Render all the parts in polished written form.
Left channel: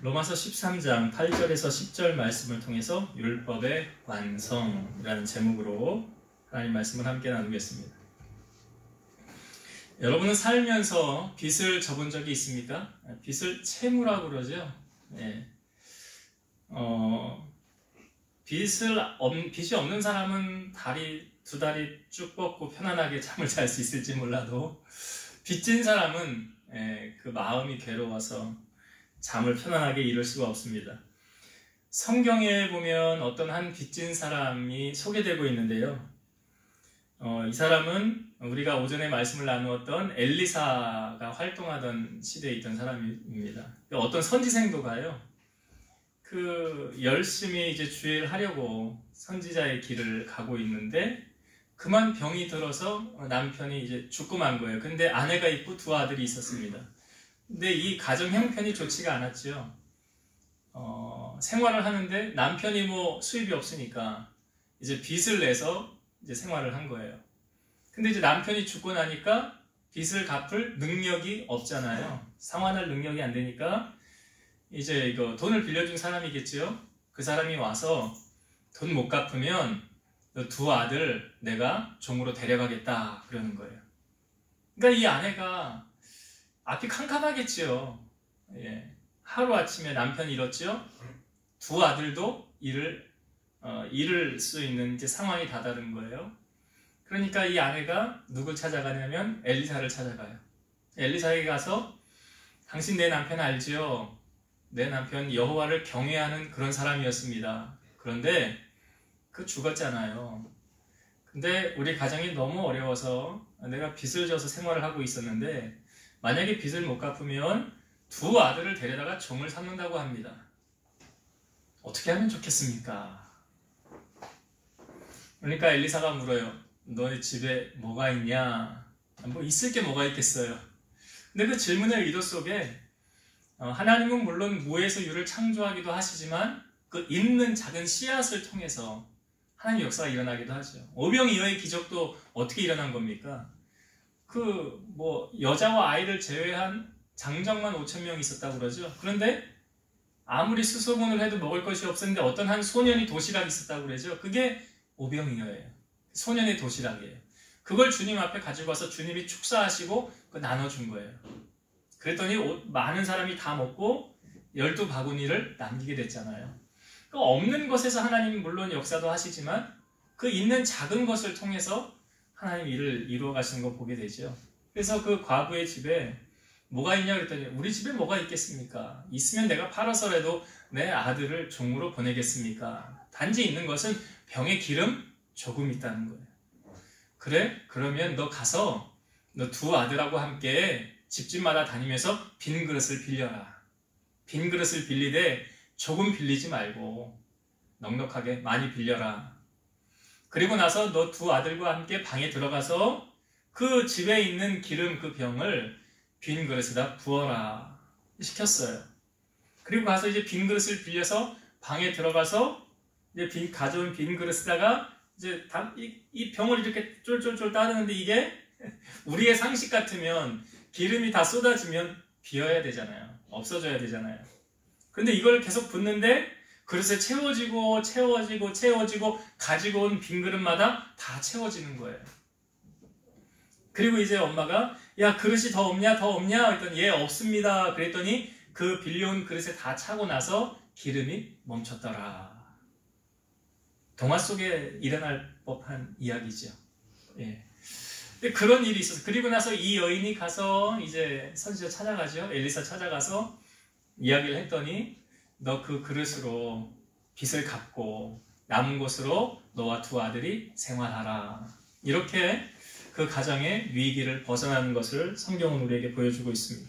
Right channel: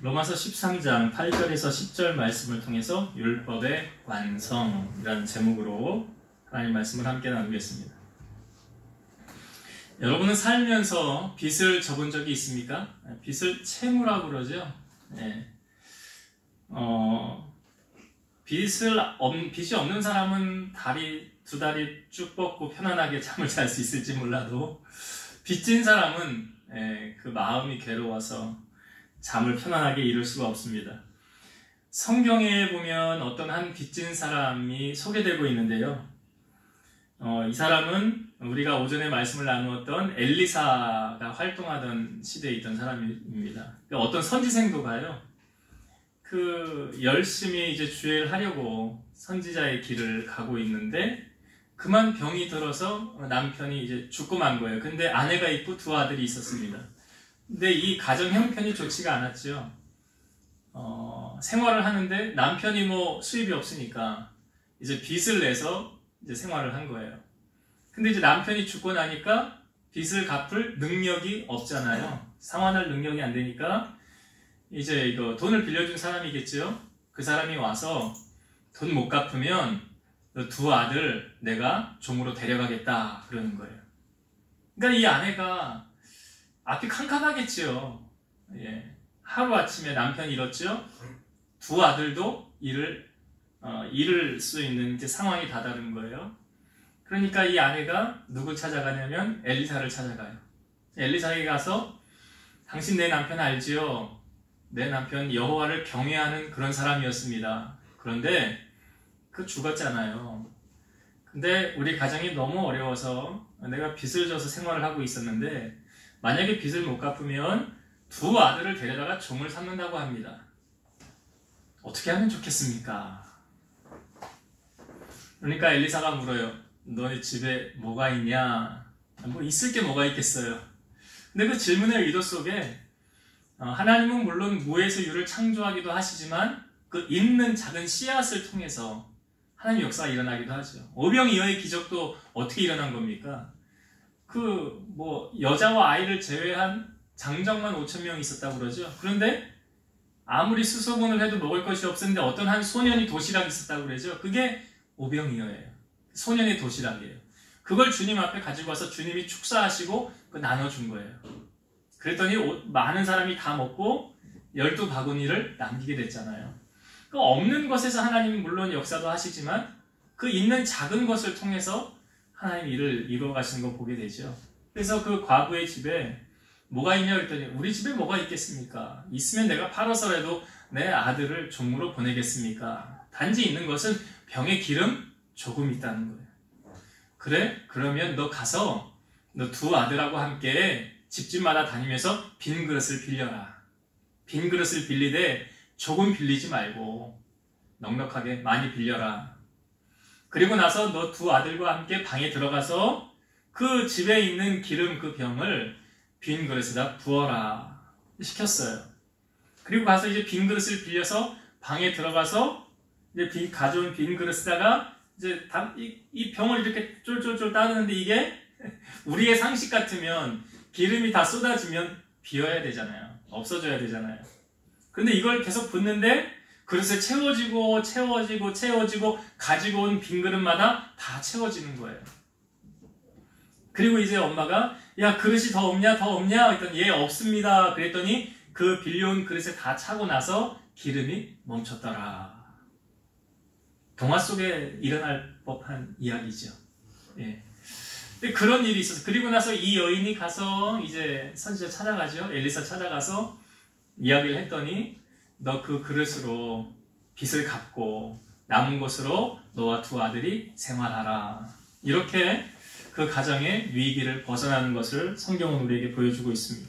로마서 13장 8절에서 10절 말씀을 통해서 율법의 완성이라는 제목으로 하나님 말씀을 함께 나누겠습니다. 여러분은 살면서 빚을 져본 적이 있습니까? 빚을 채무라고 그러죠. 네. 빚이 없는 사람은 두 다리 쭉 뻗고 편안하게 잠을 잘 수 있을지 몰라도 빚진 사람은 그 마음이 괴로워서 잠을 편안하게 이룰 수가 없습니다. 성경에 보면 어떤 한 빚진 사람이 소개되고 있는데요. 이 사람은 우리가 오전에 말씀을 나누었던 엘리사가 활동하던 시대에 있던 사람입니다. 어떤 선지생도가요, 열심히 이제 주의를 하려고 선지자의 길을 가고 있는데 그만 병이 들어서 남편이 이제 죽고 만 거예요. 근데 아내가 있고 두 아들이 있었습니다. 근데 이 가정 형편이 좋지가 않았죠. 생활을 하는데 남편이 수입이 없으니까 이제 빚을 내서 이제 생활을 한 거예요. 근데 이제 남편이 죽고 나니까 빚을 갚을 능력이 없잖아요. 상환할 능력이 안 되니까 이제 이거 돈을 빌려준 사람이겠죠. 그 사람이 와서 돈 못 갚으면 두 아들 내가 종으로 데려가겠다 그러는 거예요. 그러니까 이 아내가 앞이 캄캄하겠지요. 하루아침에 남편이 잃었죠. 두 아들도 잃을 수 있는 이제 상황이 다다른 거예요. 그러니까 이 아내가 누굴 찾아가냐면 엘리사를 찾아가요. 엘리사에게 가서 당신 내 남편 알지요? 내 남편 여호와를 경외하는 그런 사람이었습니다. 그런데 죽었잖아요. 근데 우리 가정이 너무 어려워서 내가 빚을 져서 생활을 하고 있었는데 만약에 빚을 못 갚으면 두 아들을 데려다가 종을 삼는다고 합니다. 어떻게 하면 좋겠습니까? 그러니까 엘리사가 물어요. 너희 집에 뭐가 있냐? 있을 게 뭐가 있겠어요. 근데 그 질문의 의도 속에 하나님은 물론 무에서 유를 창조하기도 하시지만 그 있는 작은 씨앗을 통해서 하나님의 역사가 일어나기도 하죠. 오병이어의 기적도 어떻게 일어난 겁니까? 여자와 아이를 제외한 장정만 5,000명이 있었다고 그러죠. 그런데 아무리 수소문을 해도 먹을 것이 없었는데 어떤 한 소년이 도시락이 있었다고 그러죠. 그게 오병이어예요. 소년의 도시락이에요. 그걸 주님 앞에 가지고 와서 주님이 축사하시고 나눠준 거예요. 그랬더니 많은 사람이 다 먹고 12바구니를 남기게 됐잖아요. 없는 것에서 하나님이 물론 역사도 하시지만 그 있는 작은 것을 통해서 하나님 일을 이루어 가시는 거 보게 되죠. 그래서 그 과부의 집에 뭐가 있냐 그랬더니 우리 집에 뭐가 있겠습니까? 있으면 내가 팔아서라도 내 아들을 종으로 보내겠습니까? 단지 있는 것은 병에 기름 조금 있다는 거예요. 그래? 그러면 너 가서 너 두 아들하고 함께 집집마다 다니면서 빈 그릇을 빌려라. 빈 그릇을 빌리되 조금 빌리지 말고 넉넉하게 많이 빌려라. 그리고 나서 너 두 아들과 함께 방에 들어가서 그 집에 있는 기름 그 병을 빈 그릇에다 부어라 시켰어요. 그리고 가서 이제 빈 그릇을 빌려서 방에 들어가서 이제 가져온 빈 그릇에다가 이제 이 병을 이렇게 쫄쫄쫄 따르는데 이게 우리의 상식 같으면 기름이 다 쏟아지면 비어야 되잖아요. 없어져야 되잖아요. 그런데 이걸 계속 붓는데 그릇에 채워지고 가지고 온 빈 그릇마다 다 채워지는 거예요. 그리고 이제 엄마가 야 그릇이 더 없냐 했더니 예 없습니다. 그랬더니 그 빌려온 그릇에 다 차고 나서 기름이 멈췄더라. 동화 속에 일어날 법한 이야기죠. 그런 일이 있었어요. 그리고 나서 이 여인이 가서 이제 선지자 찾아가죠. 엘리사 찾아가서 이야기를 했더니 너 그 그릇으로 빚을 갚고 남은 것으로 너와 두 아들이 생활하라. 이렇게 그 가정의 위기를 벗어나는 것을 성경은 우리에게 보여주고 있습니다.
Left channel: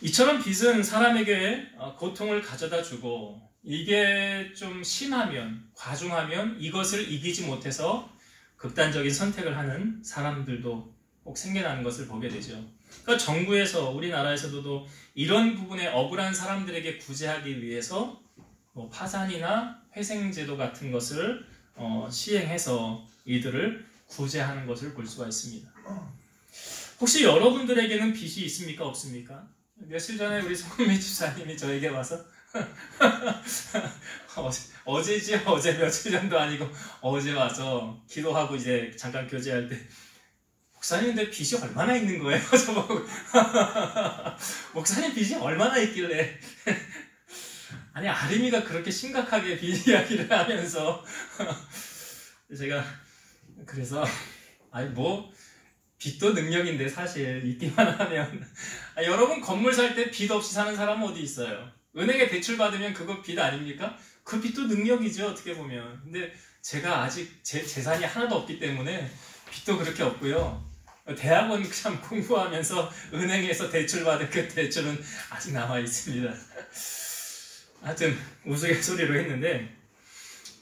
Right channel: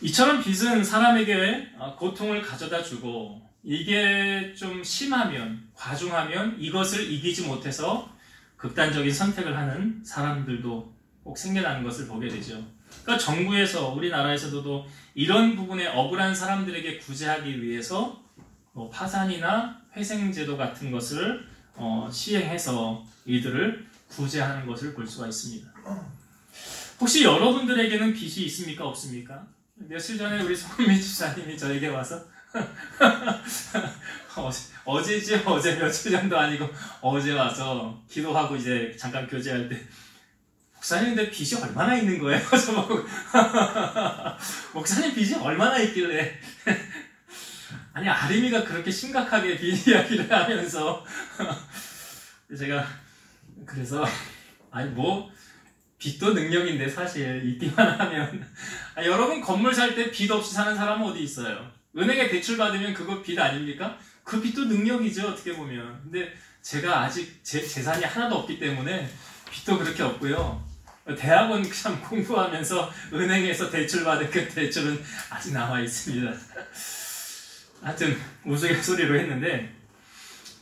이처럼 빚은 사람에게 고통을 가져다 주고 이게 좀 심하면 과중하면 이것을 이기지 못해서 극단적인 선택을 하는 사람들도 꼭 생겨나는 것을 보게 되죠. 그러니까 정부에서 우리나라에서도 이런 부분에 억울한 사람들에게 구제하기 위해서 파산이나 회생제도 같은 것을 시행해서 이들을 구제하는 것을 볼 수가 있습니다. 혹시 여러분들에게는 빚이 있습니까? 없습니까? 며칠 전에 우리 송미 집사님이 저에게 와서 어제지 어제 며칠 전도 아니고 어제 와서 기도하고 이제 잠깐 교제할 때 목사님 근데 빚이 얼마나 있는 거예요? 저보고 목사님 빚이 얼마나 있길래 아니 아림이가 그렇게 심각하게 빚 이야기를 하면서 제가 그래서 아니 뭐 빚도 능력인데 사실 있기만 하면 여러분 건물 살 때 빚 없이 사는 사람은 어디 있어요? 은행에 대출 받으면 그거 빚 아닙니까? 그 빚도 능력이죠 어떻게 보면. 근데 제가 아직 제 재산이 하나도 없기 때문에 빚도 그렇게 없고요. 대학원 그냥 공부하면서 은행에서 대출 받은 그 대출은 아직 남아 있습니다. 하여튼 우스갯소리로 했는데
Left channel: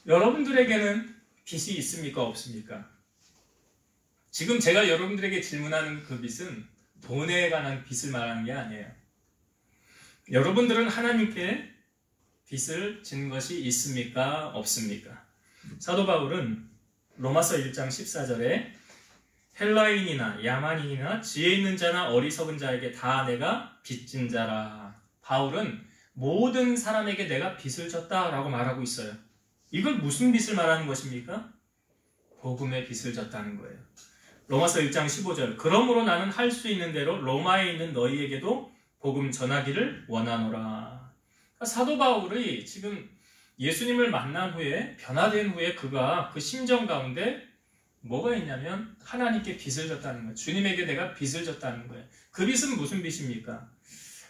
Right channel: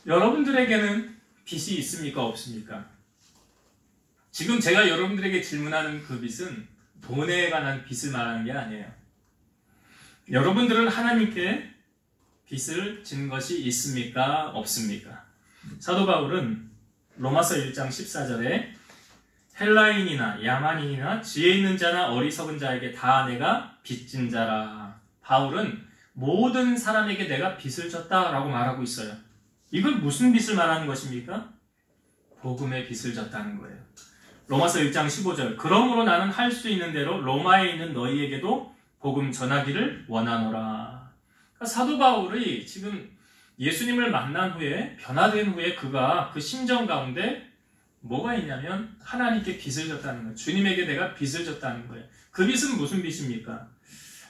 여러분들에게는 빚이 있습니까 없습니까? 지금 제가 여러분들에게 질문하는 그 빚은 돈에 관한 빚을 말하는 게 아니에요. 여러분들은 하나님께 빚을 진 것이 있습니까? 없습니까? 사도 바울은 로마서 1장 14절에 헬라인이나 야만인이나 지혜 있는 자나 어리석은 자에게 다 내가 빚진 자라. 바울은 모든 사람에게 내가 빚을 졌다라고 말하고 있어요. 이걸 무슨 빚을 말하는 것입니까? 복음의 빚을 졌다는 거예요. 로마서 1장 15절 그러므로 나는 할 수 있는 대로 로마에 있는 너희에게도 복음 전하기를 원하노라. 그러니까 사도 바울이 지금 예수님을 만난 후에 변화된 후에 그가 그 심정 가운데 뭐가 있냐면 하나님께 빚을 졌다는 거예요. 주님에게 내가 빚을 졌다는 거예요. 그 빚은 무슨 빚입니까?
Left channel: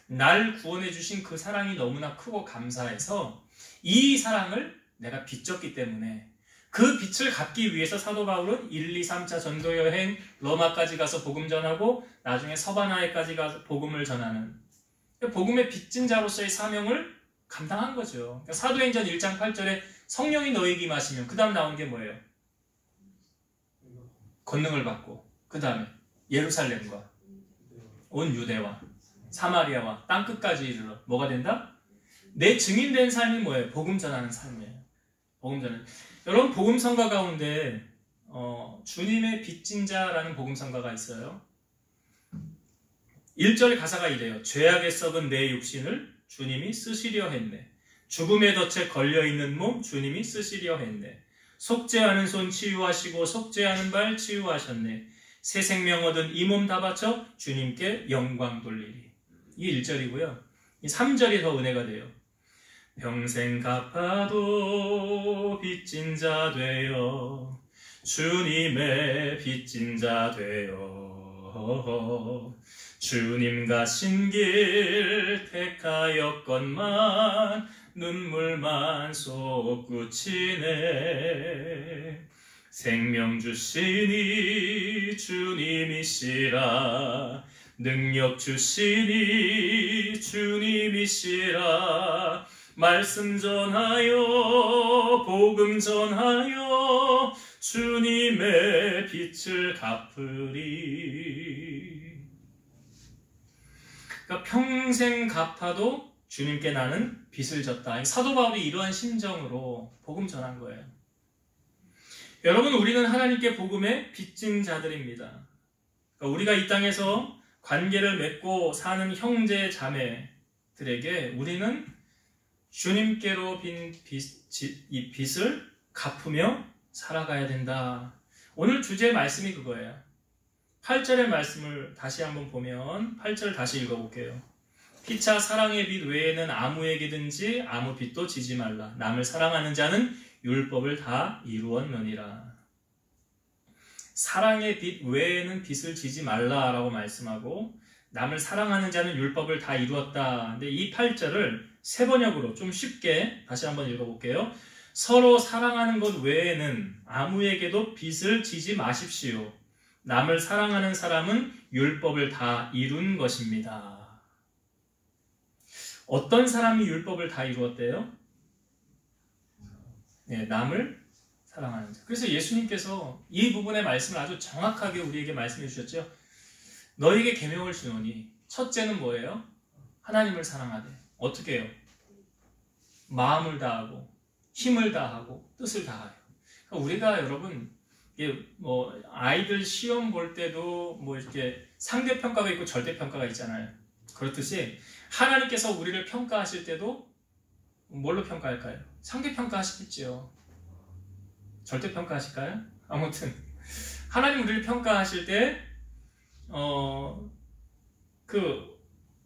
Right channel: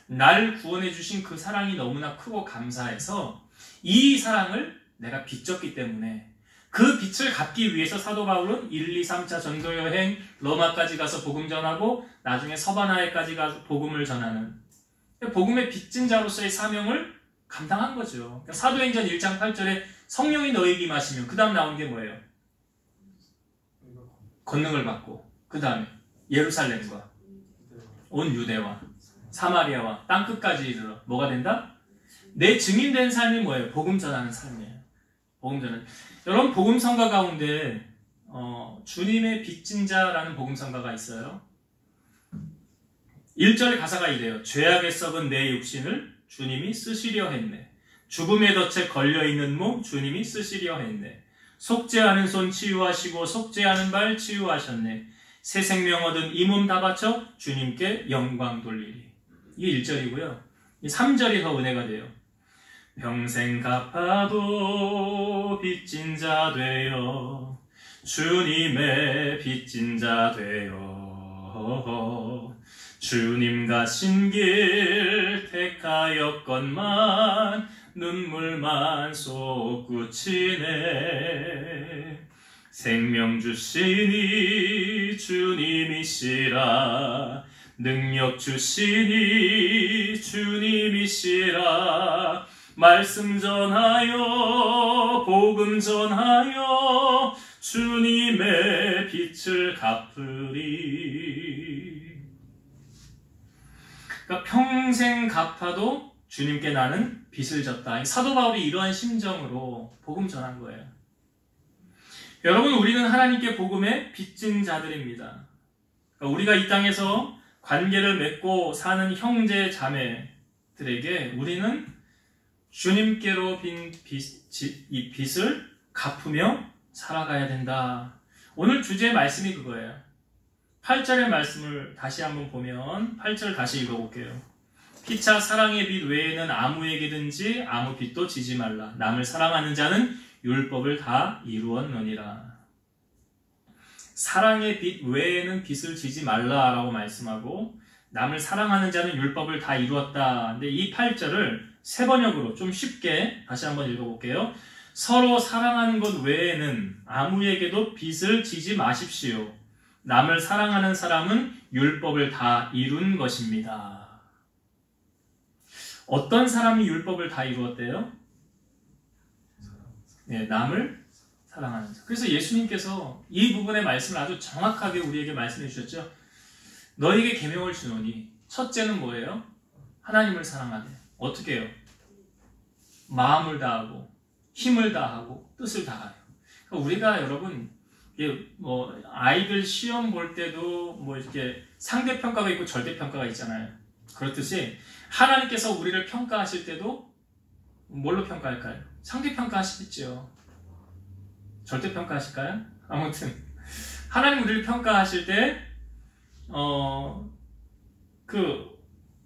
날 구원해 주신 그 사랑이 너무나 크고 감사해서 이 사랑을 내가 빚졌기 때문에 그 빚을 갚기 위해서 사도 바울은 1, 2, 3차 전도 여행 로마까지 가서 복음 전하고 나중에 서바나에까지 가서 복음을 전하는 복음의 빚진 자로서의 사명을 감당한 거죠. 그러니까 사도행전 1장 8절에 성령이 너에게 임하시면 그 다음 나온 게 뭐예요? 권능을 받고 그 다음에 예루살렘과 온 유대와 사마리아와 땅끝까지 이르러 뭐가 된다? 내 증인된 삶이 뭐예요? 복음 전하는 삶이에요. 복음 전하는. 여러분 복음성가 가운데 주님의 빚진 자라는 복음성가가 있어요. 1절 가사가 이래요. 죄악에 썩은 내 육신을 주님이 쓰시려 했네. 죽음의 덫에 걸려있는 몸 주님이 쓰시려 했네. 속죄하는 손 치유하시고 속죄하는 발 치유하셨네. 새 생명 얻은 이 몸 다 바쳐 주님께 영광 돌리리. 이게 1절이고요. 이 3절이 더 은혜가 돼요. 평생 갚아도 빚진 자 되어 주님의 빚진 자 되어 주님 가신 길 택하였건만 눈물만 솟구치네. 생명 주시니 주님이시라 능력 주시니 주님이시라 말씀 전하여 복음 전하여 주님의 빚을 갚으리. 그러니까 평생 갚아도 주님께 나는 빚을 졌다. 사도 바울이 이러한 심정으로 복음 전한 거예요. 여러분 우리는 하나님께 복음의 빚진 자들입니다. 그러니까 우리가 이 땅에서 관계를 맺고 사는 형제 자매들에게 우리는 주님께로 빈 이 빚을 갚으며 살아가야 된다. 오늘 주제의 말씀이 그거예요. 8절의 말씀을 다시 한번 보면 8절 다시 읽어볼게요. 피차 사랑의 빚 외에는 아무에게든지 아무 빚도 지지 말라. 남을 사랑하는 자는 율법을 다 이루었느니라. 사랑의 빚 외에는 빚을 지지 말라라고 말씀하고 남을 사랑하는 자는 율법을 다 이루었다. 근데 이 8절을 세 번역으로 좀 쉽게 다시 한번 읽어볼게요. 서로 사랑하는 것 외에는 아무에게도 빚을 지지 마십시오. 남을 사랑하는 사람은 율법을 다 이룬 것입니다. 어떤 사람이 율법을 다 이루었대요? 네, 남을 사랑하는 자. 그래서 예수님께서 이 부분의 말씀을 아주 정확하게 우리에게 말씀해 주셨죠. 너에게 계명을 주노니 첫째는 뭐예요? 하나님을 사랑하되. 어떻게 해요? 마음을 다하고 힘을 다하고 뜻을 다하여. 그러니까 우리가 여러분 아이들 시험 볼 때도 이렇게 상대평가가 있고 절대평가가 있잖아요. 그렇듯이 하나님께서 우리를 평가하실 때도 뭘로 평가할까요? 상대평가하시겠죠. 절대평가하실까요? 아무튼 하나님 우리를 평가하실 때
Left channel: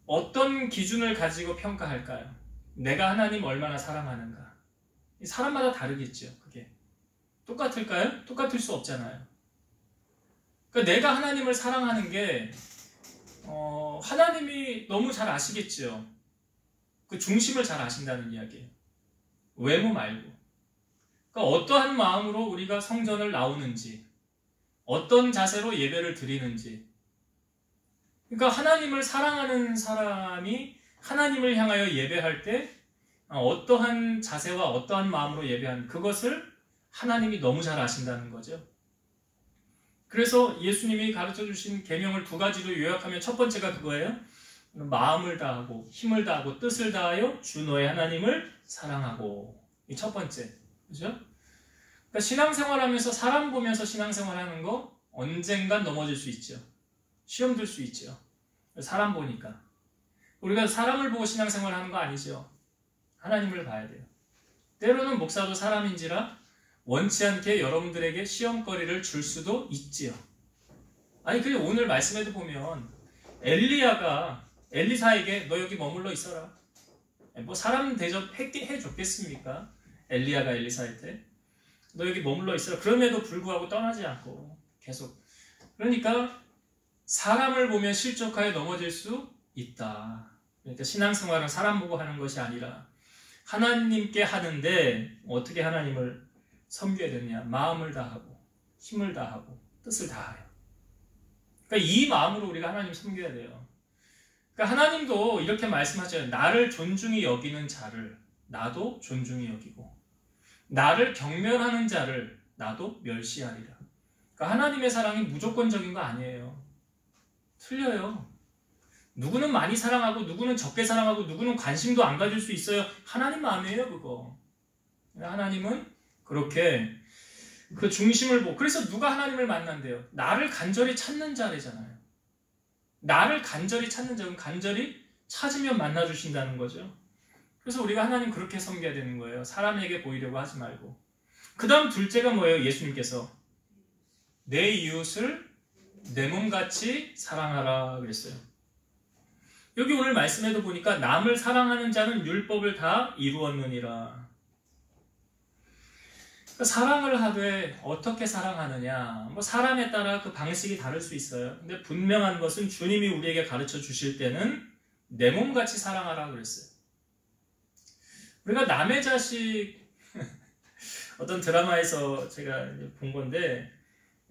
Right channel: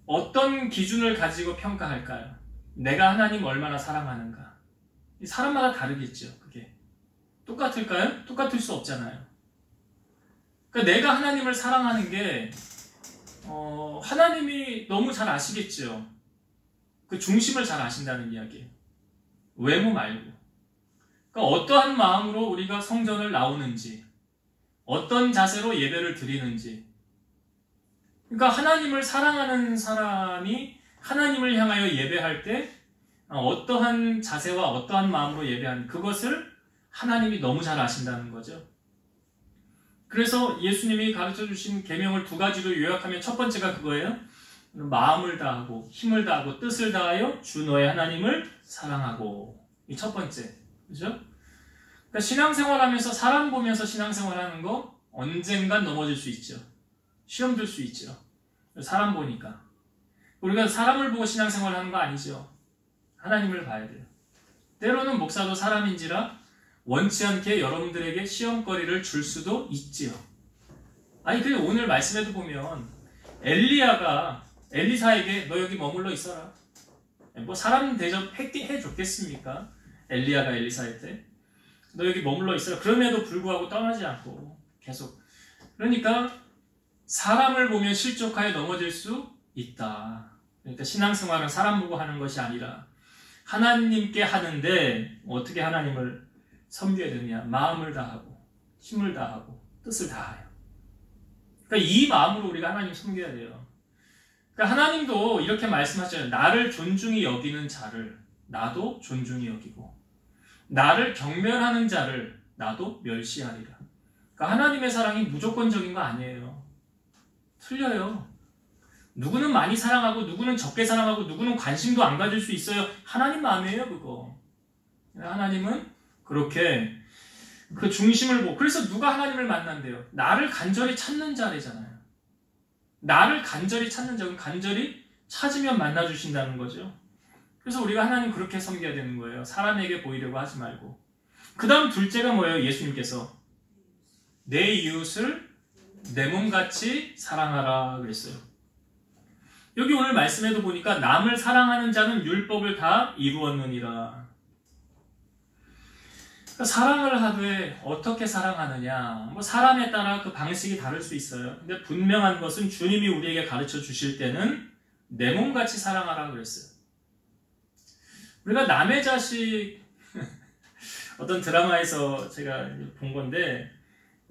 어떤 기준을 가지고 평가할까요? 내가 하나님 얼마나 사랑하는가. 사람마다 다르겠죠. 그게 똑같을까요? 똑같을 수 없잖아요. 그러니까 내가 하나님을 사랑하는 게 하나님이 너무 잘 아시겠죠. 그 중심을 잘 아신다는 이야기예요. 외모 말고. 그러니까 어떠한 마음으로 우리가 성전을 나오는지, 어떤 자세로 예배를 드리는지. 그러니까 하나님을 사랑하는 사람이 하나님을 향하여 예배할 때 어떠한 자세와 어떠한 마음으로 예배하는 그것을 하나님이 너무 잘 아신다는 거죠. 그래서 예수님이 가르쳐주신 계명을 두 가지로 요약하면 첫 번째가 그거예요. 마음을 다하고 힘을 다하고 뜻을 다하여 주 너의 하나님을 사랑하고. 이 첫 번째. 그죠? 그러니까 신앙생활하면서 사람 보면서 신앙생활하는 거 언젠간 넘어질 수 있죠. 시험 들 수 있죠. 사람 보니까. 우리가 사람을 보고 신앙생활하는 거 아니죠. 하나님을 봐야 돼요. 때로는 목사도 사람인지라 원치 않게 여러분들에게 시험거리를 줄 수도 있지요. 아니 근데 오늘 말씀에도 보면 엘리야가 엘리사에게 너 여기 머물러 있어라. 뭐 사람 대접해 줬겠습니까? 엘리야가 엘리사한테 너 여기 머물러 있어라. 그럼에도 불구하고 떠나지 않고 계속. 그러니까 사람을 보면 실족하여 넘어질 수 있다. 그러니까 신앙생활은 사람 보고 하는 것이 아니라 하나님께 하는데 어떻게 하나님을 섬겨야 되느냐. 마음을 다하고 힘을 다하고 뜻을 다하여. 그러니까 이 마음으로 우리가 하나님 섬겨야 돼요. 그러니까 하나님도 이렇게 말씀하잖아요. 나를 존중히 여기는 자를 나도 존중히 여기고 나를 경멸하는 자를 나도 멸시하리라. 그러니까 하나님의 사랑이 무조건적인 거 아니에요. 틀려요. 누구는 많이 사랑하고 누구는 적게 사랑하고 누구는 관심도 안 가질 수 있어요. 하나님 마음이에요 그거. 하나님은 그렇게 그 중심을 보고. 그래서 누가 하나님을 만난대요? 나를 간절히 찾는 자래잖아요. 나를 간절히 찾는 자는 간절히 찾으면 만나주신다는 거죠. 그래서 우리가 하나님 그렇게 섬겨야 되는 거예요. 사람에게 보이려고 하지 말고. 그 다음 둘째가 뭐예요? 예수님께서 내 이웃을 내 몸같이 사랑하라 그랬어요. 여기 오늘 말씀에도 보니까 남을 사랑하는 자는 율법을 다 이루었느니라. 그러니까 사랑을 하되 어떻게 사랑하느냐. 뭐 사람에 따라 그 방식이 다를 수 있어요. 근데 분명한 것은 주님이 우리에게 가르쳐 주실 때는 내 몸같이 사랑하라 그랬어요. 우리가 남의 자식 어떤 드라마에서 제가 본 건데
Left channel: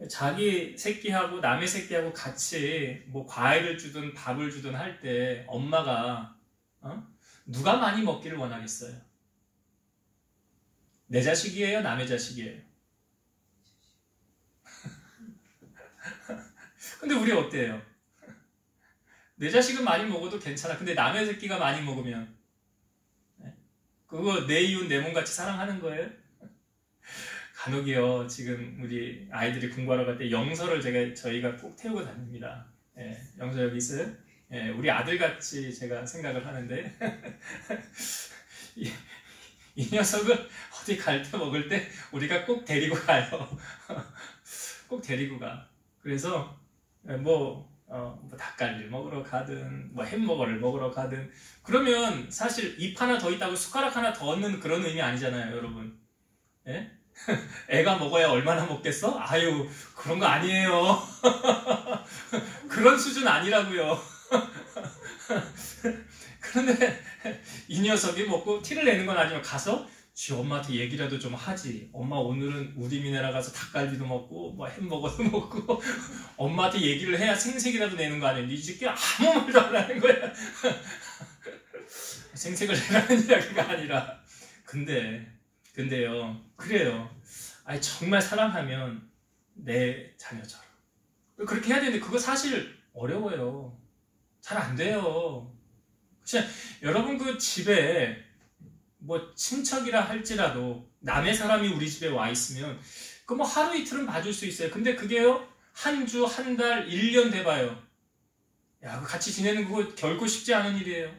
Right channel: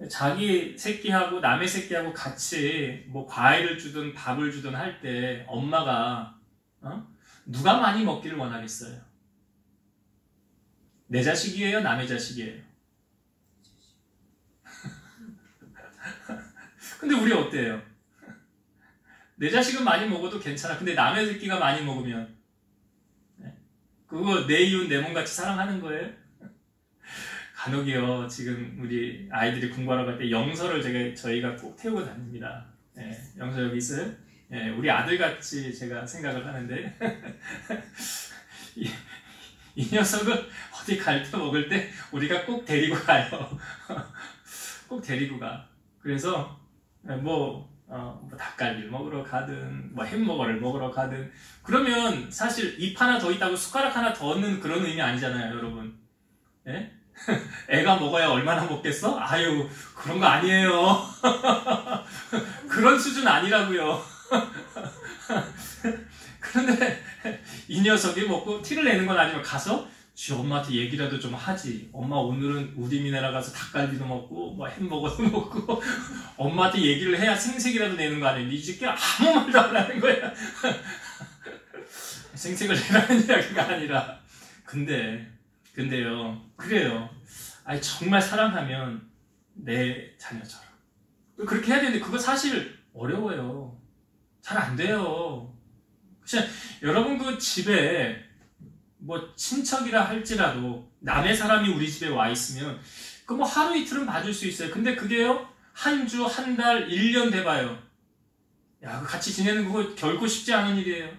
자기 새끼하고 남의 새끼하고 같이 뭐 과일을 주든 밥을 주든 할 때 엄마가 누가 많이 먹기를 원하겠어요? 내 자식이에요? 남의 자식이에요? 근데 우리 어때요? 내 자식은 많이 먹어도 괜찮아. 근데 남의 새끼가 많이 먹으면 그거 내 이웃 내 몸같이 사랑하는 거예요? 간혹이요. 지금 우리 아이들이 공부하러 갈 때 영서를 저희가 꼭 태우고 다닙니다. 영서 여기 있어요? 우리 아들같이 제가 생각을 하는데 이 녀석을 어디 갈 때 먹을 때 우리가 꼭 데리고 가요. 꼭 데리고 가. 그래서 뭐 닭갈비 먹으러 가든 뭐 햄버거를 먹으러 가든 그러면 사실 입 하나 더 있다고 숟가락 하나 더 얻는 그런 의미 아니잖아요, 여러분. 예? 애가 먹어야 얼마나 먹겠어? 아유, 그런 거 아니에요. 그런 수준 아니라고요. 그런데 이 녀석이 먹고 티를 내는 건 아니면 가서 지 엄마한테 얘기라도 좀 하지. 엄마 오늘은 우디미네라 가서 닭갈비도 먹고 뭐 햄버거도 먹고 엄마한테 얘기를 해야 생색이라도 내는 거 아니야. 이 새끼 아무 말도 안 하는 거야. 생색을 내라는 이야기가 아니라 근데요 그래요. 아니 정말 사랑하면 내 자녀처럼 그렇게 해야 되는데 그거 사실 어려워요. 잘 안 돼요. 그냥 여러분 그 집에 뭐 친척이라 할지라도 남의 사람이 우리 집에 와 있으면 그 뭐 하루 이틀은 봐줄 수 있어요. 근데 그게요 한 주, 한 달, 1년 돼봐요. 야, 같이 지내는 그거 결코 쉽지 않은 일이에요.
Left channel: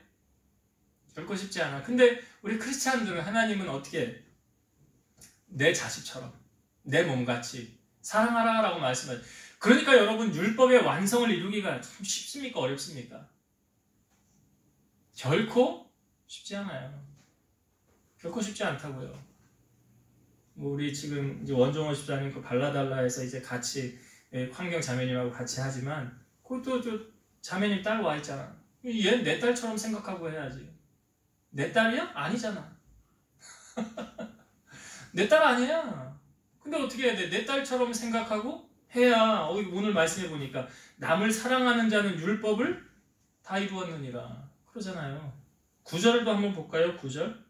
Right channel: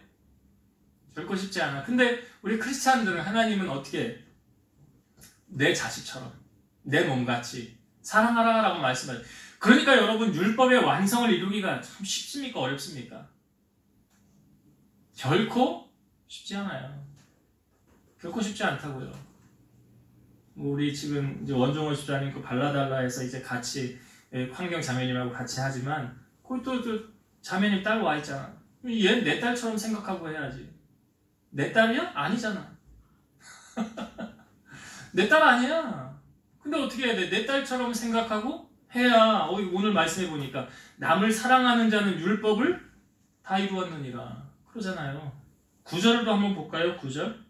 결코 쉽지 않아. 근데 우리 크리스찬들은 하나님은 어떻게 내 자식처럼 내 몸같이 사랑하라라고 말씀하죠. 그러니까 여러분 율법의 완성을 이루기가 참 쉽습니까? 어렵습니까? 결코 쉽지 않아요. 결코 쉽지 않다고요. 우리 지금 이제 원종호 집사님 그 발라달라에서 이제 같이 환경 자매님하고 같이 하지만 거기 또 저 자매님 딸 와 있잖아. 얘는 내 딸처럼 생각하고 해야지. 내 딸이야? 아니잖아. 내 딸 아니야. 근데 어떻게 해야 돼? 내 딸처럼 생각하고 해야 오늘 말씀해 보니까 남을 사랑하는 자는 율법을 다 이루었느니라 그러잖아요. 9절도 한번 볼까요? 9절.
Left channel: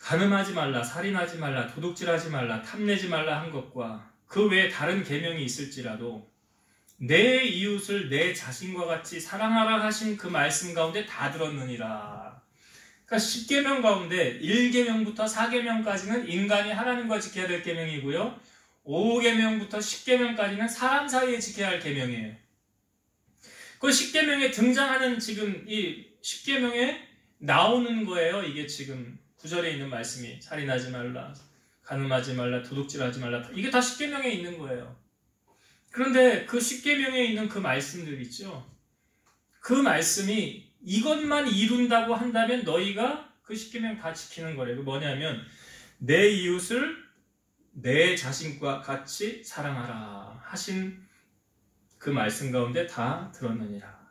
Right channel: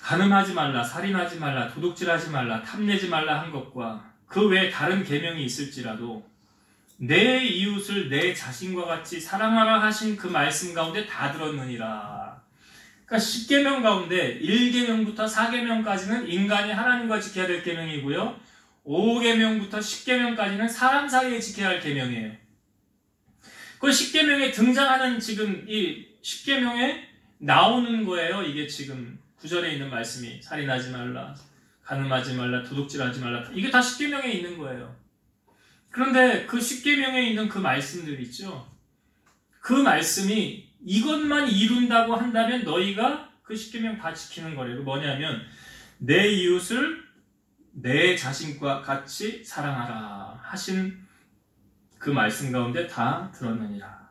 간음하지 말라, 살인하지 말라, 도둑질하지 말라, 탐내지 말라 한 것과 그 외에 다른 계명이 있을지라도 내 이웃을 내 자신과 같이 사랑하라 하신 그 말씀 가운데 다 들었느니라. 그러니까 10계명 가운데 1계명부터 4계명까지는 인간이 하나님과 지켜야 될 계명이고요. 5계명부터 10계명까지는 사람 사이에 지켜야 할 계명이에요. 그 10계명에 등장하는 지금 이 10계명에 나오는 거예요. 이게 지금 9절에 있는 말씀이 살인하지 말라, 간음하지 말라, 도둑질하지 말라. 이게 다 10계명에 있는 거예요. 그런데 그 10계명에 있는 그 말씀들 있죠. 그 말씀이 이것만 이룬다고 한다면 너희가 그 10계명 다 지키는 거래요. 뭐냐면 내 이웃을 내 자신과 같이 사랑하라 하신 그 말씀 가운데 다 들었느니라.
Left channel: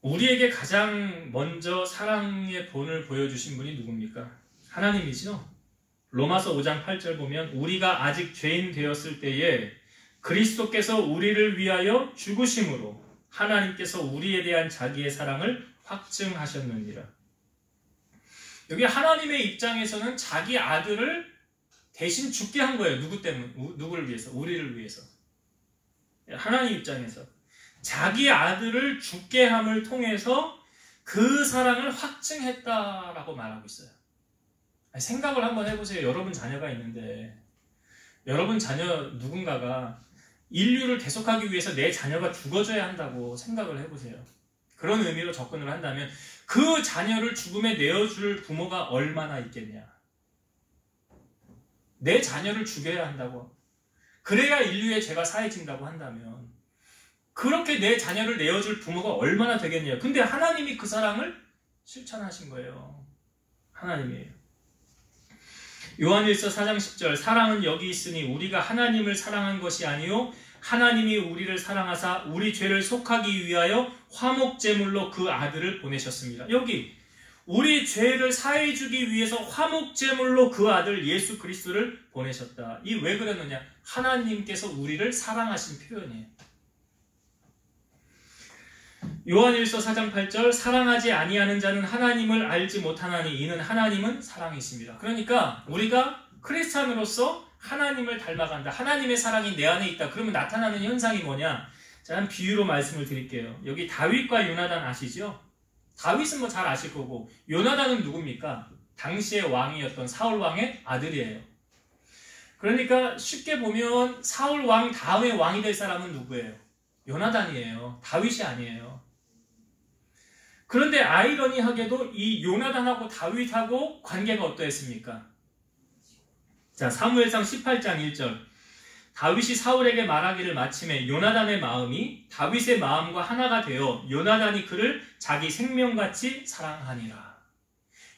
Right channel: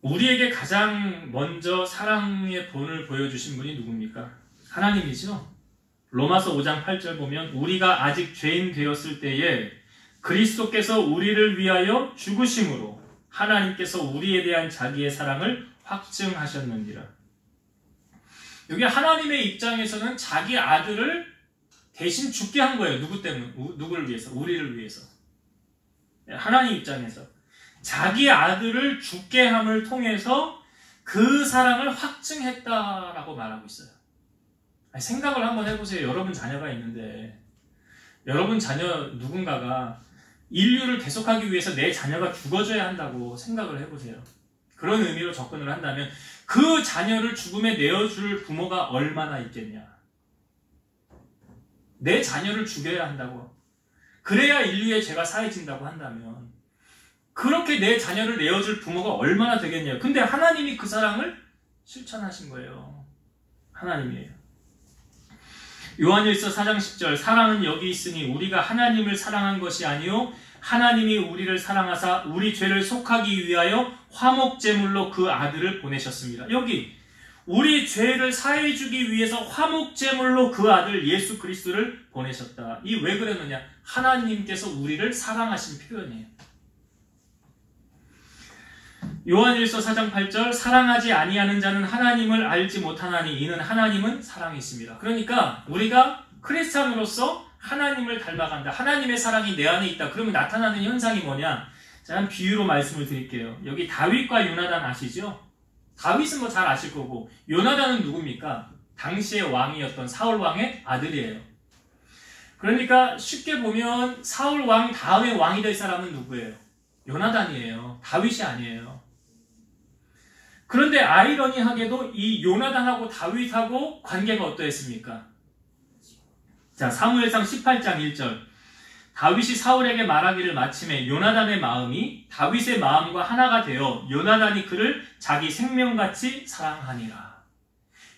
우리에게 가장 먼저 사랑의 본을 보여주신 분이 누굽니까? 하나님이죠. 로마서 5장 8절 보면 우리가 아직 죄인 되었을 때에 그리스도께서 우리를 위하여 죽으심으로 하나님께서 우리에 대한 자기의 사랑을 확증하셨느니라. 여기 하나님의 입장에서는 자기 아들을 대신 죽게 한 거예요. 누구 때문에? 누구를 위해서? 우리를 위해서. 하나님 입장에서 자기 아들을 죽게 함을 통해서 그 사랑을 확증했다라고 말하고 있어요. 생각을 한번 해보세요. 여러분 자녀가 있는데 여러분 자녀 누군가가 인류를 계속하기 위해서 내 자녀가 죽어줘야 한다고 생각을 해보세요. 그런 의미로 접근을 한다면 그 자녀를 죽음에 내어줄 부모가 얼마나 있겠냐. 내 자녀를 죽여야 한다고. 그래야 인류의 죄가 사해진다고 한다면 그렇게 내 자녀를 내어줄 부모가 얼마나 되겠냐. 근데 하나님이 그 사랑을 실천하신 거예요. 하나님이에요. 요한일서 4장 10절 사랑은 여기 있으니 우리가 하나님을 사랑한 것이 아니요 하나님이 우리를 사랑하사 우리 죄를 속하기 위하여 화목제물로 그 아들을 보내셨습니다. 여기 우리 죄를 사해주기 위해서 화목제물로 그 아들 예수 그리스도를 보내셨다. 이 왜 그랬느냐? 하나님께서 우리를 사랑하신 표현이에요. 요한일서 4장 8절 사랑하지 아니하는 자는 하나님을 알지 못하나니 이는 하나님은 사랑이 있습니다. 그러니까 우리가 크리스찬으로서 하나님을 닮아간다. 하나님의 사랑이 내 안에 있다. 그러면 나타나는 현상이 뭐냐? 제가 한 비유로 말씀을 드릴게요. 여기 다윗과 요나단 아시죠? 다윗은 뭐 잘 아실 거고 요나단은 누굽니까? 당시의 왕이었던 사울 왕의 아들이에요. 그러니까 쉽게 보면 사울 왕 다음에 왕이 될 사람은 누구예요? 요나단이에요. 다윗이 아니에요. 그런데 아이러니하게도 이 요나단하고 다윗하고 관계가 어떠했습니까? 자, 사무엘상 18장 1절 다윗이 사울에게 말하기를 마침에 요나단의 마음이 다윗의 마음과 하나가 되어 요나단이 그를 자기 생명같이 사랑하니라.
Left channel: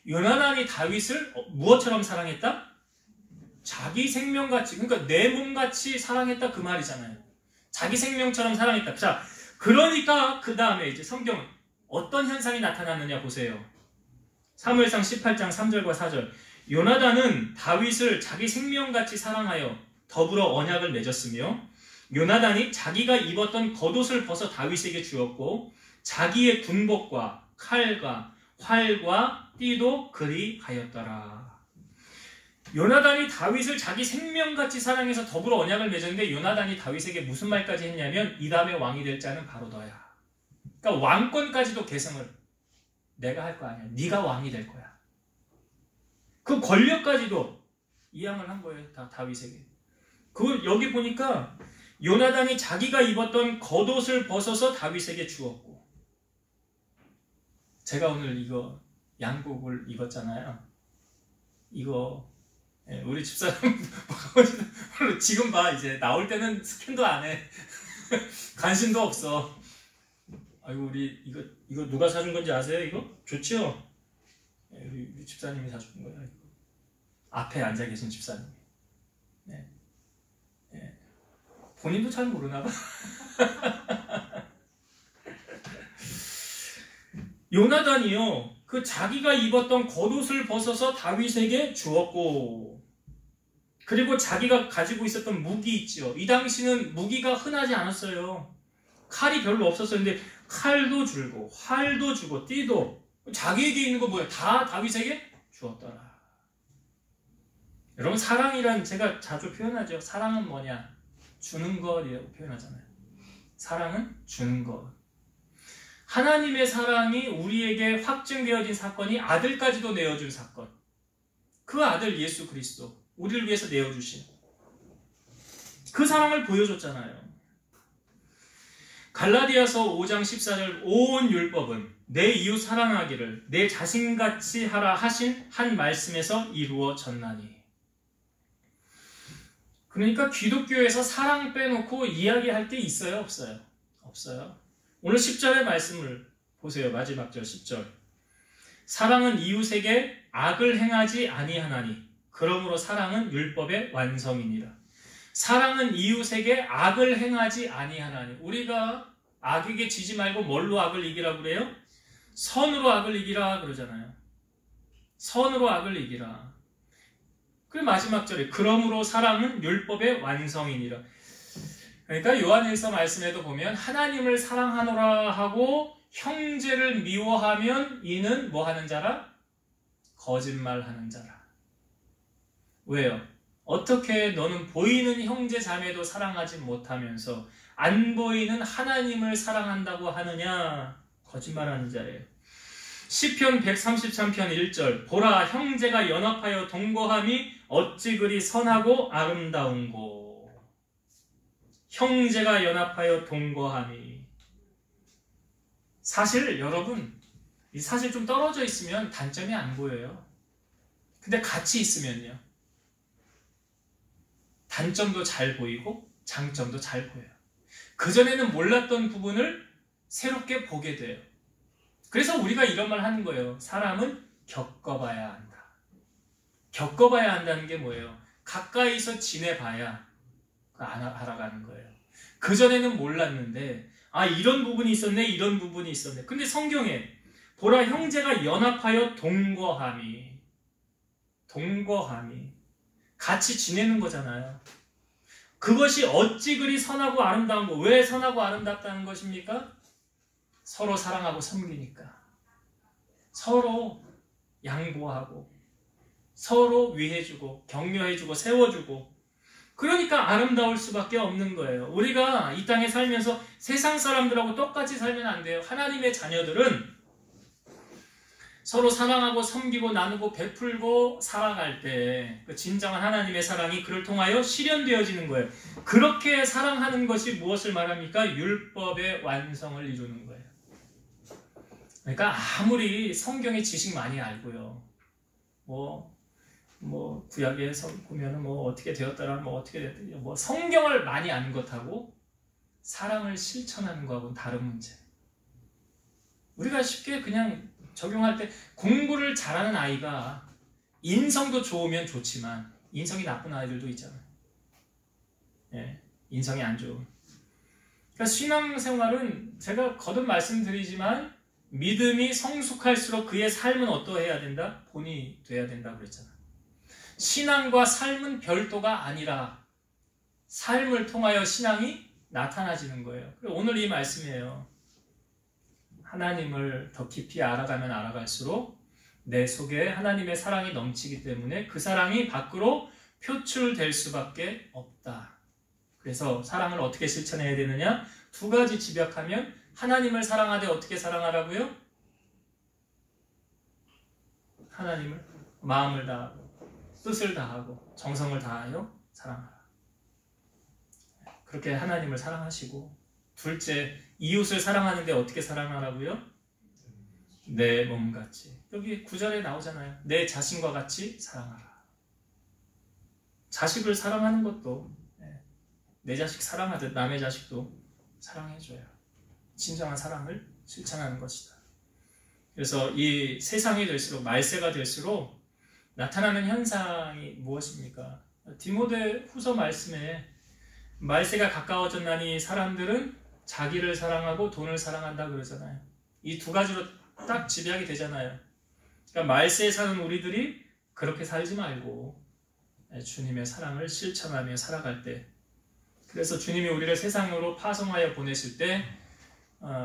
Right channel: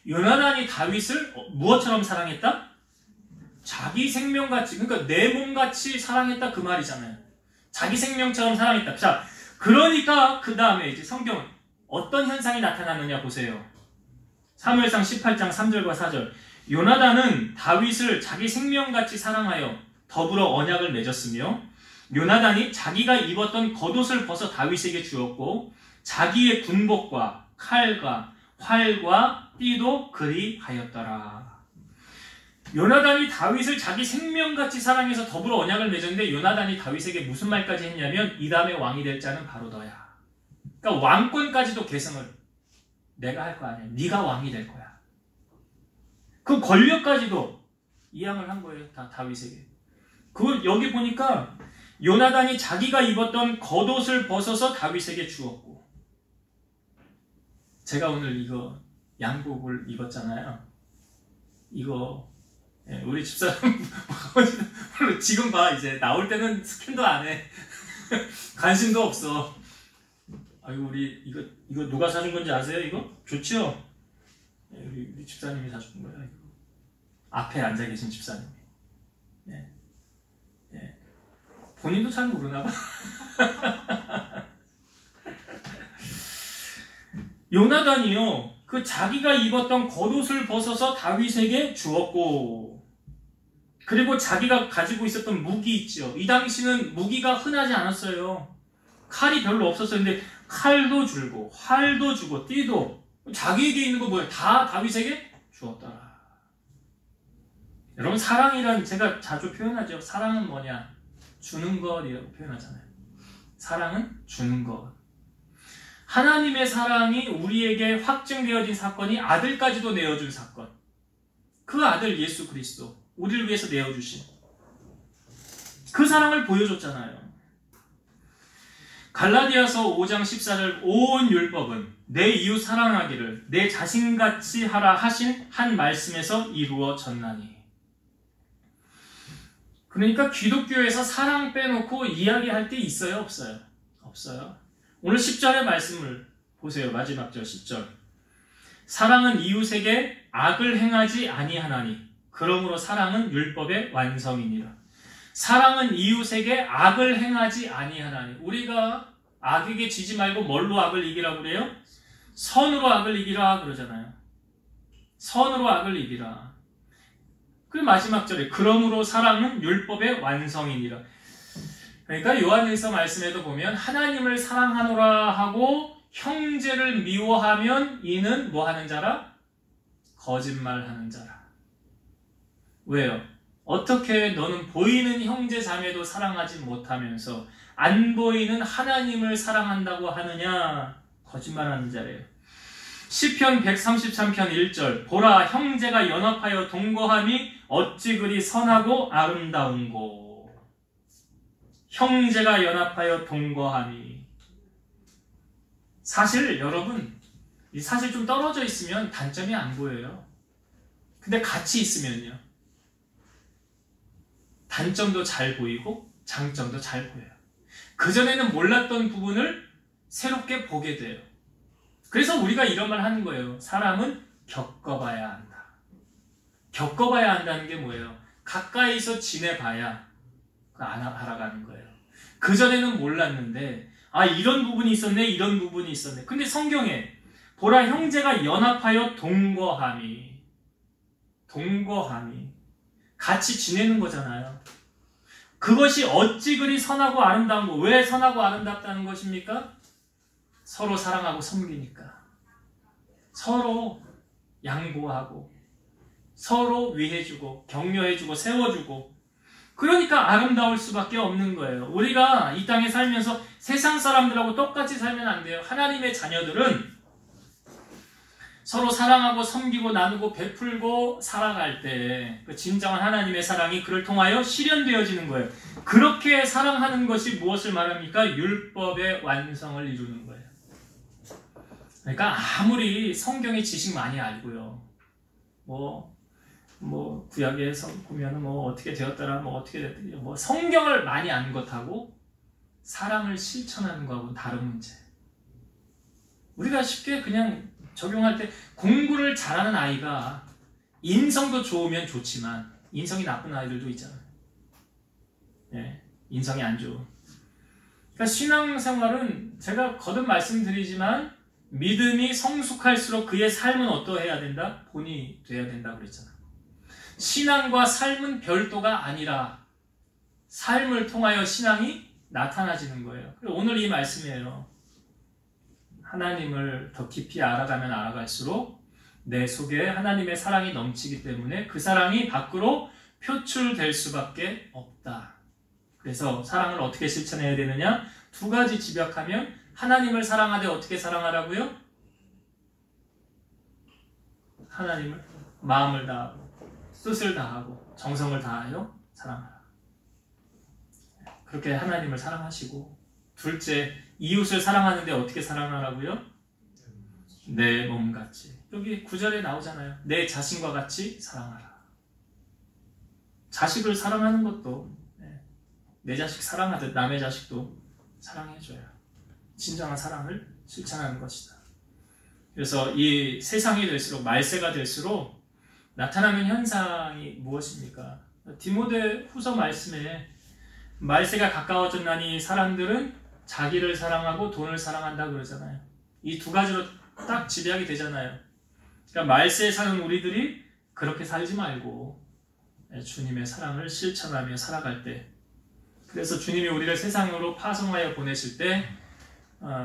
요나단이 다윗을 무엇처럼 사랑했다? 자기 생명같이, 그러니까 내 몸같이 사랑했다 그 말이잖아요. 자기 생명처럼 사랑했다. 자, 그러니까 그 다음에 이제 성경 어떤 현상이 나타나느냐 보세요. 사무엘상 18장 3절과 4절 요나단은 다윗을 자기 생명같이 사랑하여 더불어 언약을 맺었으며 요나단이 자기가 입었던 겉옷을 벗어 다윗에게 주었고 자기의 군복과 칼과 활과 띠도 그리 하였더라. 요나단이 다윗을 자기 생명같이 사랑해서 더불어 언약을 맺었는데 요나단이 다윗에게 무슨 말까지 했냐면 이 다음에 왕이 될 자는 바로 너야. 그러니까 왕권까지도 계승을 내가 할 거 아니야. 네가 왕이 될 거야. 그 권력까지도 이양을 한 거예요. 다 다윗에게. 그 여기 보니까 요나단이 자기가 입었던 겉옷을 벗어서 다윗에게 주었고. 제가 오늘 이거 양복을 입었잖아요. 이거 우리 집사람 지금 봐. 이제 나올 때는 스캔도 안 해. 관심도 없어. 아이고, 우리 이거 누가 사준 건지 아세요? 이거 좋죠? 우리 집사님이 사준 거예요. 이거. 앞에 앉아 계신 집사님이. 네. 네. 본인도 잘 모르나 봐. 요나단이요, 그 자기가 입었던 겉옷을 벗어서 다윗에게 주었고, 그리고 자기가 가지고 있었던 무기 있죠. 이 당시는 무기가 흔하지 않았어요. 칼이 별로 없었어요. 근데 칼도 줄고 활도 주고 띠도 자기에게 있는 거 뭐예요? 다 다윗에게 주었더라. 여러분, 사랑이란 제가 자주 표현하죠. 사랑은 뭐냐? 주는 것이라고 표현하잖아요. 사랑은 주는 것. 하나님의 사랑이 우리에게 확증되어진 사건이 아들까지도 내어준 사건. 그 아들 예수 그리스도, 우리를 위해서 내어주신 그 사랑을 보여줬잖아요. 갈라디아서 5장 14절 온 율법은 내 이웃 사랑하기를 내 자신같이 하라 하신 한 말씀에서 이루어졌나니. 그러니까 기독교에서 사랑 빼놓고 이야기할 때 있어요? 없어요? 없어요. 오늘 10절의 말씀을 보세요. 마지막 절 10절. 사랑은 이웃에게 악을 행하지 아니하나니 그러므로 사랑은 율법의 완성이니라. 사랑은 이웃에게 악을 행하지 아니하나니. 우리가 악에게 지지 말고 뭘로 악을 이기라고 그래요? 선으로 악을 이기라 그러잖아요. 선으로 악을 이기라. 그리고 마지막 절에 그러므로 사랑은 율법의 완성이니라. 그러니까 요한일서 말씀에도 보면 하나님을 사랑하노라 하고 형제를 미워하면 이는 뭐 하는 자라? 거짓말하는 자라. 왜요? 어떻게 너는 보이는 형제 자매도 사랑하지 못하면서 안 보이는 하나님을 사랑한다고 하느냐? 거짓말하는 자래요. 시편 133편 1절 보라 형제가 연합하여 동거함이 어찌 그리 선하고 아름다운고. 형제가 연합하여 동거함이. 사실 여러분, 사실 좀 떨어져 있으면 단점이 안 보여요. 근데 같이 있으면요, 단점도 잘 보이고 장점도 잘 보여요. 그전에는 몰랐던 부분을 새롭게 보게 돼요. 그래서 우리가 이런 말 하는 거예요. 사람은 겪어봐야 한다. 겪어봐야 한다는 게 뭐예요? 가까이서 지내봐야 알아가는 거예요. 그전에는 몰랐는데 이런 부분이 있었네, 이런 부분이 있었네. 근데 성경에 보라 형제가 연합하여 동거함이 같이 지내는 거잖아요. 그것이 어찌 그리 선하고 아름다운 거. 왜 선하고 아름답다는 것입니까? 서로 사랑하고 섬기니까. 서로 양보하고 서로 위해주고 격려해주고 세워주고. 그러니까 아름다울 수밖에 없는 거예요. 우리가 이 땅에 살면서 세상 사람들하고 똑같이 살면 안 돼요. 하나님의 자녀들은 서로 사랑하고 섬기고 나누고 베풀고 살아갈 때 그 진정한 하나님의 사랑이 그를 통하여 실현되어지는 거예요. 그렇게 사랑하는 것이 무엇을 말합니까? 율법의 완성을 이루는 거예요. 그러니까 아무리 성경의 지식 많이 알고요, 구약에서 보면 어떻게 되었더라, 어떻게 됐더라, 성경을 많이 아는 것하고 사랑을 실천하는 것하고는 다른 문제. 우리가 쉽게 그냥 적용할 때 공부를 잘하는 아이가 인성도 좋으면 좋지만 인성이 나쁜 아이들도 있잖아요. 네, 인성이 안 좋은. 그러니까 신앙생활은 제가 거듭 말씀드리지만 믿음이 성숙할수록 그의 삶은 어떠해야 된다? 본이 돼야 된다고 그랬잖아요. 신앙과 삶은 별도가 아니라 삶을 통하여 신앙이 나타나지는 거예요. 그리고 오늘 이 말씀이에요. 하나님을 더 깊이 알아가면 알아갈수록 내 속에 하나님의 사랑이 넘치기 때문에 그 사랑이 밖으로 표출될 수밖에 없다. 그래서 사랑을 어떻게 실천해야 되느냐? 두 가지 집약하면 하나님을 사랑하되 어떻게 사랑하라고요? 하나님을 마음을 다하고 뜻을 다하고 정성을 다하여 사랑하라. 그렇게 하나님을 사랑하시고, 둘째, 이웃을 사랑하는데 어떻게 사랑하라고요? 내 몸같이. 여기 9절에 나오잖아요. 내 자신과 같이 사랑하라. 자식을 사랑하는 것도 내 자식 사랑하듯 남의 자식도 사랑해줘요. 진정한 사랑을 실천하는 것이다. 그래서 이 세상이 될수록, 말세가 될수록 나타나는 현상이 무엇입니까? 디모데 후서 말씀에 말세가 가까워졌나니 사람들은 자기를 사랑하고 돈을 사랑한다 그러잖아요. 이 두 가지로 딱 지배하게 되잖아요. 그러니까 말세에 사는 우리들이 그렇게 살지 말고 주님의 사랑을 실천하며 살아갈 때, 그래서 주님이 우리를 세상으로 파송하여 보내실 때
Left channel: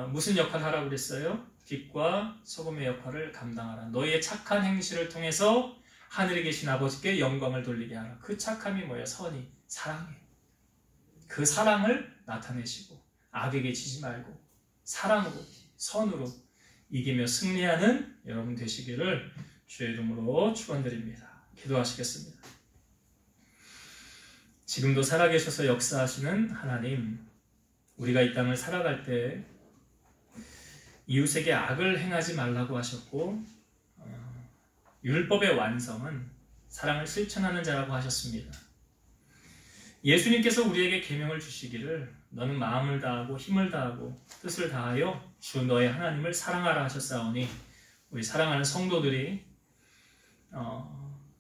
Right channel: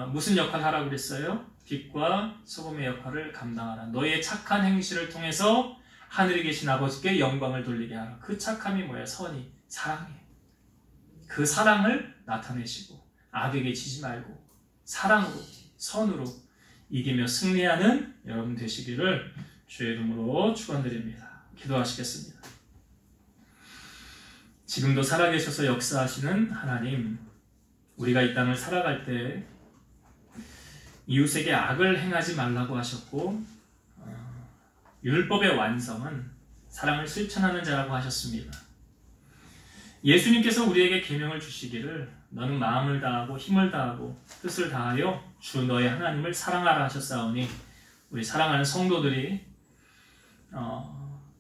무슨 역할을 하라고 그랬어요? 빛과 소금의 역할을 감당하라. 너희의 착한 행실을 통해서 하늘에 계신 아버지께 영광을 돌리게 하라. 그 착함이 뭐야? 선이, 사랑이에요. 그 사랑을 나타내시고 악에게 지지 말고 사랑으로, 선으로 이기며 승리하는 여러분 되시기를 주의 이름으로 축원드립니다. 기도하시겠습니다. 지금도 살아계셔서 역사하시는 하나님, 우리가 이 땅을 살아갈 때 이웃에게 악을 행하지 말라고 하셨고, 율법의 완성은 사랑을 실천하는 자라고 하셨습니다. 예수님께서 우리에게 계명을 주시기를 너는 마음을 다하고 힘을 다하고 뜻을 다하여 주 너의 하나님을 사랑하라 하셨사오니, 우리 사랑하는 성도들이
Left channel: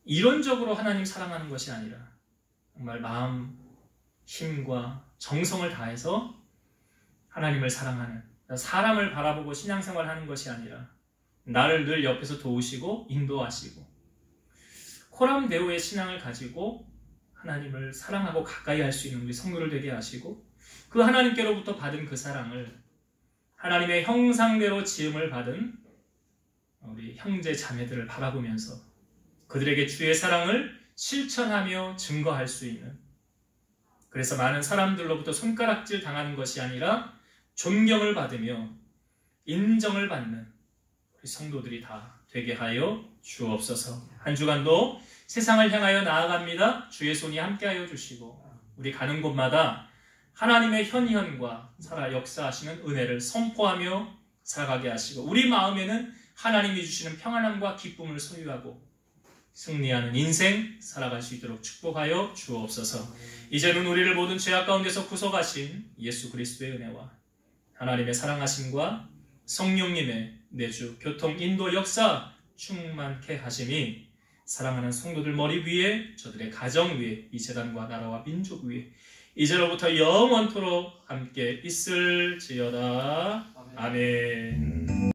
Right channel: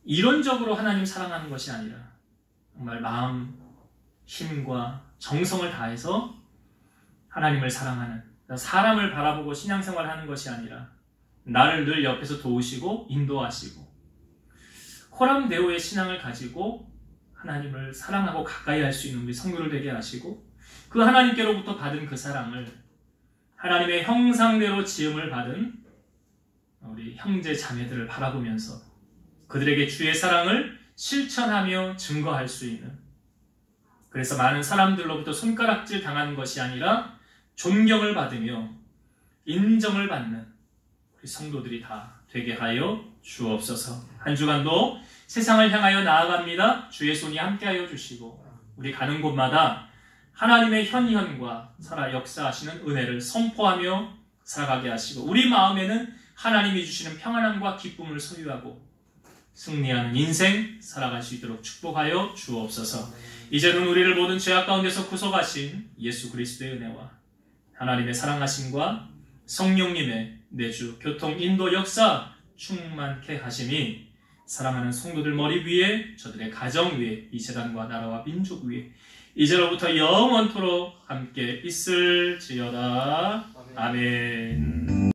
이론적으로 하나님 사랑하는 것이 아니라 정말 마음, 힘과 정성을 다해서 하나님을 사랑하는, 사람을 바라보고 신앙생활하는 것이 아니라 나를 늘 옆에서 도우시고 인도하시고 코람 데오의 신앙을 가지고 하나님을 사랑하고 가까이 할 수 있는 우리 성도를 되게 하시고, 그 하나님께로부터 받은 그 사랑을 하나님의 형상대로 지음을 받은 우리 형제 자매들을 바라보면서 그들에게 주의 사랑을 실천하며 증거할 수 있는, 그래서 많은 사람들로부터 손가락질 당하는 것이 아니라 존경을 받으며 인정을 받는 우리 성도들이 다 되게 하여 주옵소서. 한 주간도 세상을 향하여 나아갑니다. 주의 손이 함께하여 주시고 우리 가는 곳마다 하나님의 현현과 살아 역사하시는 은혜를 선포하며 살아가게 하시고, 우리 마음에는 하나님이 주시는 평안함과 기쁨을 소유하고 승리하는 인생 살아갈 수 있도록 축복하여 주옵소서. 이제는 우리를 모든 죄악 가운데서 구속하신 예수 그리스도의 은혜와 하나님의 사랑하심과 성령님의 내주 교통 인도 역사 충만케 하심이 사랑하는 성도들 머리 위에, 저들의 가정 위에, 이 재단과 나라와 민족 위에 이제로부터 영원토록 함께 있을지어다. 아멘.